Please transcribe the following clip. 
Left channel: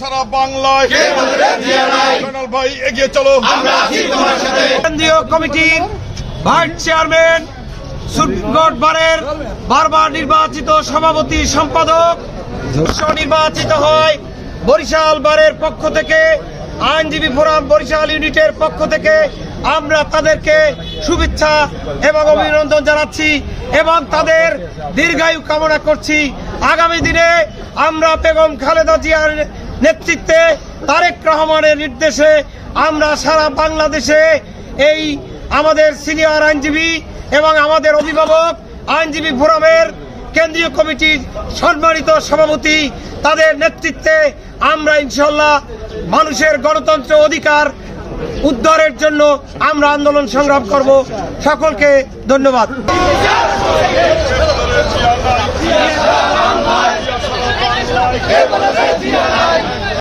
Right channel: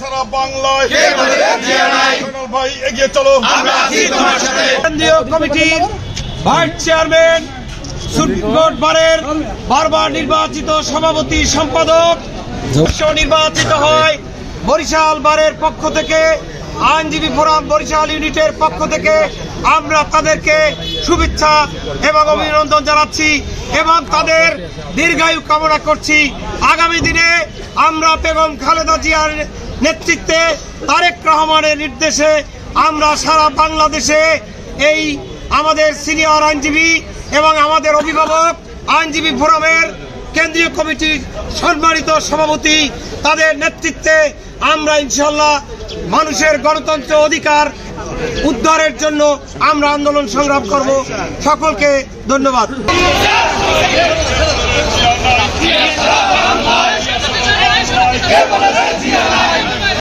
সারা বাংলায় ভাই এগিয়ে চলো। কেন্দ্রীয় কমিটির ভাইস চেয়ারম্যান, সুপ্রিম কোর্ট বারের বারবার নির্বাচিত সভাপতি সম্পাদক নির্বাচিত হয় বরিশাল বারের পক্ষ থেকে, আইনজীবী ফোরাম বরিশাল ইউনিটের পক্ষ থেকে আমরা তাদেরকে শুভেচ্ছা এবং অভিনন্দন জানাচ্ছি এবং তাদের দীর্ঘায়ু কামনা করছি। আগামী দিনে আমরা বেগম খালেদা জিয়ার নেতৃত্বে তারেক রহমানের নির্দেশে আমরা সারা বাংলাদেশে এই আমাদের সিনিয়র আইনজীবী এবং আমাদের অভিভাবক আইনজীবী ফোরামের কেন্দ্রীয় কমিটির সম্মানিত সভাপতি তাদের নেতৃত্বে আমরা ইনশাল্লাহ মানুষের গণতন্ত্র অধিকার উদ্ধারের জন্য আমরা আন্দোলন সংগ্রাম করব। সকলকে ধন্যবাদ। জিয়া